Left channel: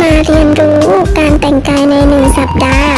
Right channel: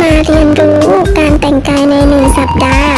มาเรียนรู้การแต่งกายในหนึ่งสัปดาห์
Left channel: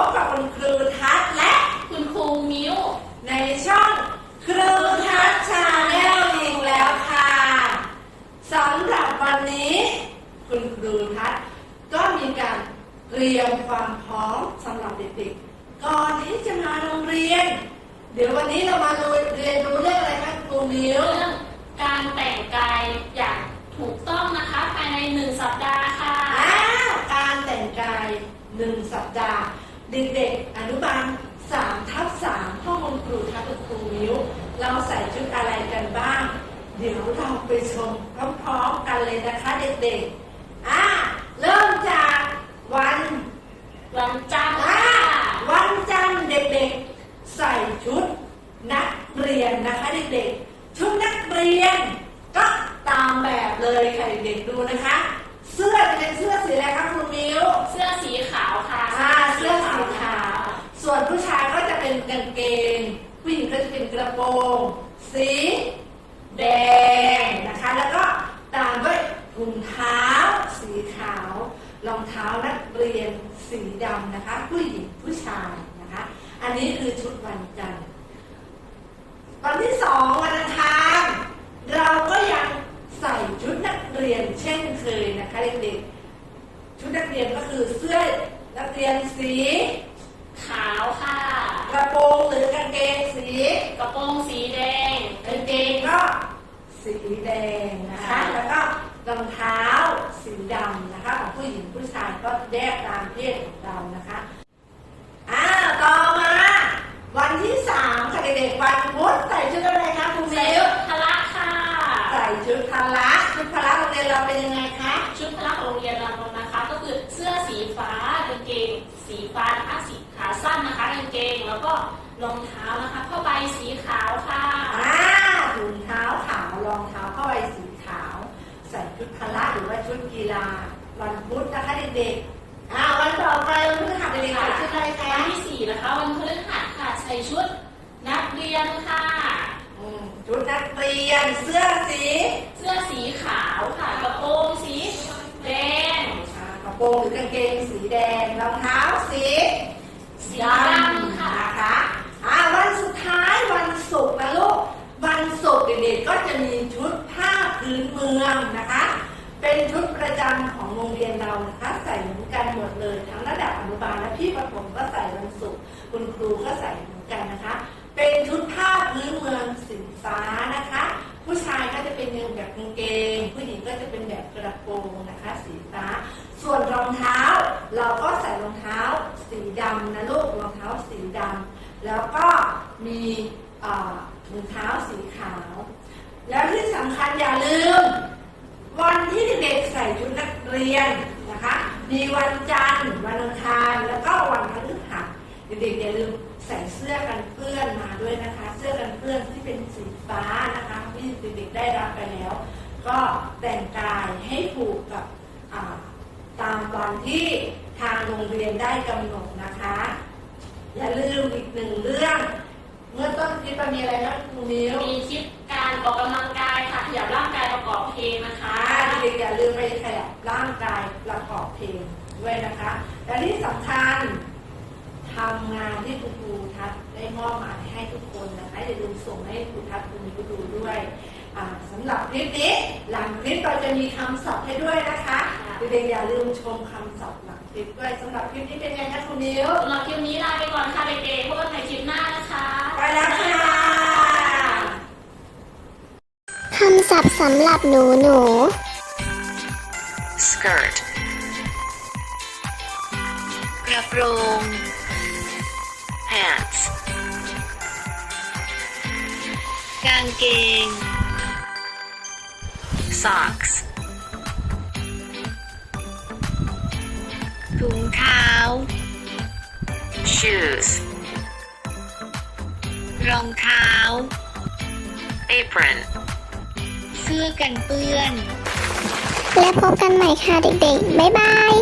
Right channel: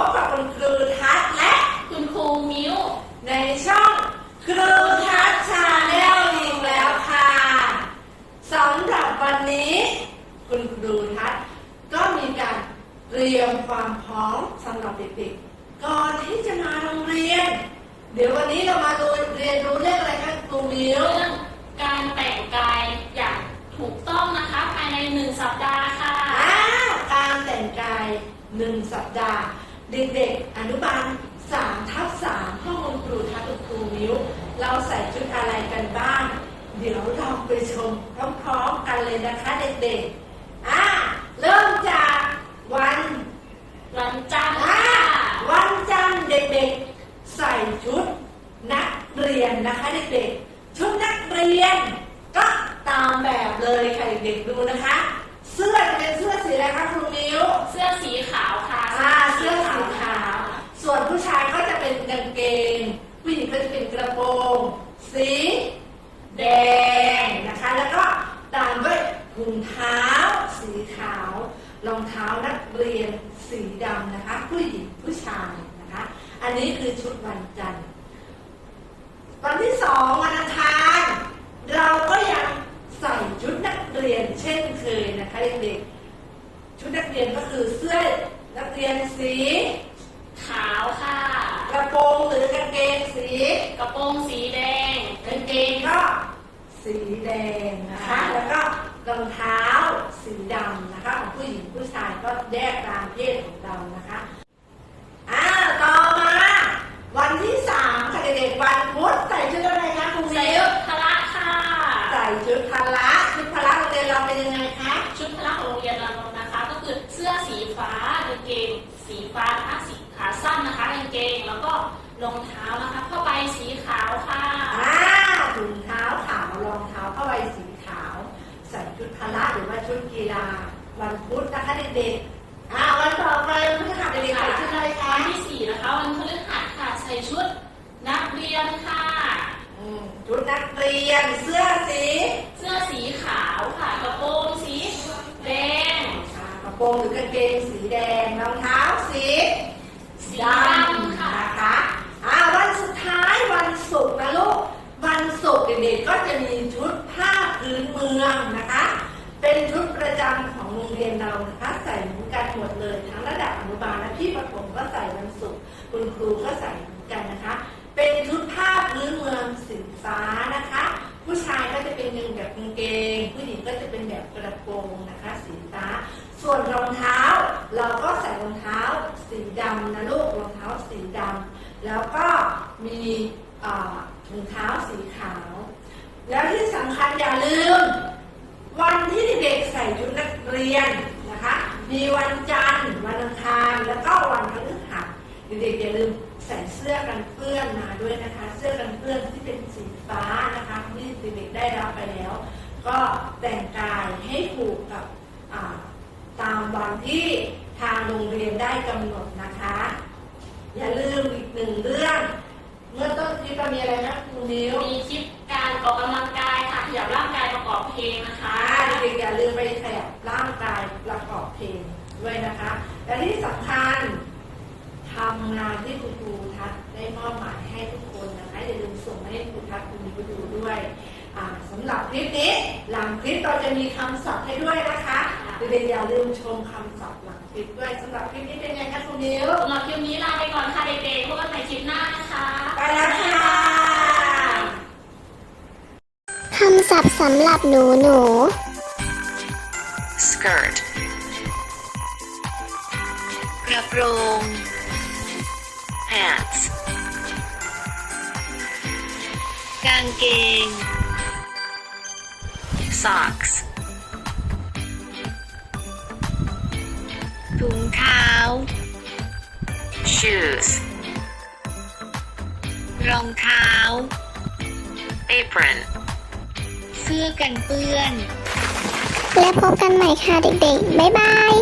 บกับคุณครูทัศน์และคุณครูมิ้ว ในช่องครูทัศน์ชาแนลอีกแล้วค่ะสำหรับวันนี้ คุณครูทัศน์ก็มีการเตรียมความพร้อมสำหรับเด็กๆก่อนที่จะมาโรงเรียน เดี๋ยววันนี้เรามาดูเรียนรู้เรื่องอะไรคะครูมิ้วเรื่องการแต่งกายอย่างถูกต้องนะคะภายในหนึ่งสัปดาห์ค่ะ อ้าวการแต่งกายหนึ่งสัปดาห์ เด็กๆ อนุบาลสามทับสามห้องคุณครูทัศน์คุณครูมิ้ว เราใส่ชุดอะไรกันบ้าง เดี๋ยวเราไปชมพร้อมๆกันเลยนะคะเด็กๆ อ่าเริ่มจากวัน วันจันทร์อ่าค่ะวันจันทร์เด็กๆ ใส่ชุดนักเรียนนะคะเด็กๆ ชุดนักเรียน ก็ตามแบบเลยค่ะเด็กๆดูนะคะ เสื้อจะเป็นเสื้อสีอะไรคะครูมิ้วเสื้อสีขาวค่ะอ่าเสื้อสีขาว ส่วนผู้ชายก็จะเป็นกางเกง ผู้หญิงก็จะเป็นกระโปรง สี แดงนะคะ แล้วก็ตามด้วยถุงเท้า สีขาว รองเท้านักเรียนสีดำนะคะ ผู้หญิงผู้ชายนะคะ อันนี้คือชุดวันจันทร์วันที่สองวันอังคารเราก็ยังใส่ชุดนัก เรียนเช่นเคยนะคะเด็กๆชุดนักเรียนก็คือเสื้อนักเรียนสีขาวค่ะ กระโปรงหรือกางเกงสีกระโปรงสีแดงกางเกงก็สีแดงนะคะแล้วก็รองเท้าสีดำนะคะ ของผู้หญิงผู้ชายก็แยกตามเพศของเรานะคะอ่าต่อมา วันที่สามค่ะเด็กๆวันพุธใส่ชุดอะไรคะครูใส่มิวชุดพละค่ะ ใส่ชุดพละ ชุดพละโรงเรียนเราเป็นยังไงคะชุดพละของโรงเรียนเรานะคะ ก็คือเสื้อสีฟ้ากางเกง สีฟ้านะคะสีขาสั้นนะคะกางเกง แล้วก็รองเท้านะคะผ้าใบสีขาวค่ะอ่าถุงเท้าขาวรองเท้าผ้าใบสีขาว ใส่ชุดพละหรือว่าชุดกีฬา วันพุธนะคะเด็กๆอ่าวันต่อไปวันพฤหัสเด็กๆใส่ชุดอะไรคะวันที่สี่นะคะ วันพฤหัสค่ะใส่ชุดนักเรียนค่ะอืม ชุดนักเรียนเสื้อสี เสื้อสีขาวค่ะกระโปรงสีแดงอ่ากระโปรงหรือกางเกงสีแดงรองเท้าสีสีดดำำค่ะนะคะอ่าวันสุดท้ายวันศุกร์นะลูกวันศุกร์เด็กๆก็จะมีชุดผ้าพื้นเมืองนะคะ เป็นชุดประจำของโรงเรียนเรานะคะ ใส่เหมือนกันหมดเลยทั้งระดับอนุบาลและพี่ประถมก็ใส่วันศุกร์คุณครูก็ใส่เหมือนกันนะคะ เป็นชุดผ้าพื้นเมืองสี ฟ้านะคะ ผู้ชายก็จะเป็นยังแบบกางเกง ผู้หญิงก็จะเป็นแบบกระโปรงนะคะ สีฟ้า ส่วนรองเท้า เราก็ใส่รองเท้า สีดำนะลูกรองเท้าสีดำแล้วก็มีเอ่อถุงเท้าสีขาว แล้วที่สำคัญอย่าลืม วันที่เด็กใส่ชุดนักเรียนนะคะ มีวันจันทร์วันอังคารแล้วก็วันพฤหัสเด็กๆอย่าลืม ส่เสื้อกันเปื้อนมาด้วยนะคะ เสื้อกันเปื้อนที่เป็นสีฟ้านะคะที่เด็กๆได้รับไปแล้ว ก็แต่งกายให้ถูกกับอ่าตามวันที่ทางโรงเรียนได้กำหนดนะคะ อย่าลืมอีกหนึ่งเรื่องเมื่อต้นคลิปเรามีอะไรนะครูมิวมีคลิปการออกกำลังกายค่ะขยับร่างกายประกอบเพลงนะคะอ่าเด็กๆอย่าลืมไปขยับร่างกายประกอบเพลงด้วยนะคะ และที่สำคัญ ทำงานที่คุณครูทัศน์ได้มอบหมายให้ทุกคนนะคะอย่าลืมส่งให้ครูทัศน์ครูมิวดูด้วยอ่าสำหรับคลิปนี้หลังคลิปเราจะมีคำศัพท์ให้ด้วยนะคะเด็กๆอย่าลืมชมคำศัพท์หลังคลิปด้วยสำหรับคลิปนี้เป็นไงคะครูมิวสำหรับคลิปนี้ลาไปก่อนค่ะเด็กๆพบกันใหม่คลิปหน้านะคะไปแล้วค่ะคำศัพท์สำหรับหนูหนู skirt กระโปรง pants กางเกง socks ถุงเท้า shoes รองเท้า apron เสื้อกันเปื้อน และพบกันใหม่ค่ะเด็กๆ บ๊ายบาย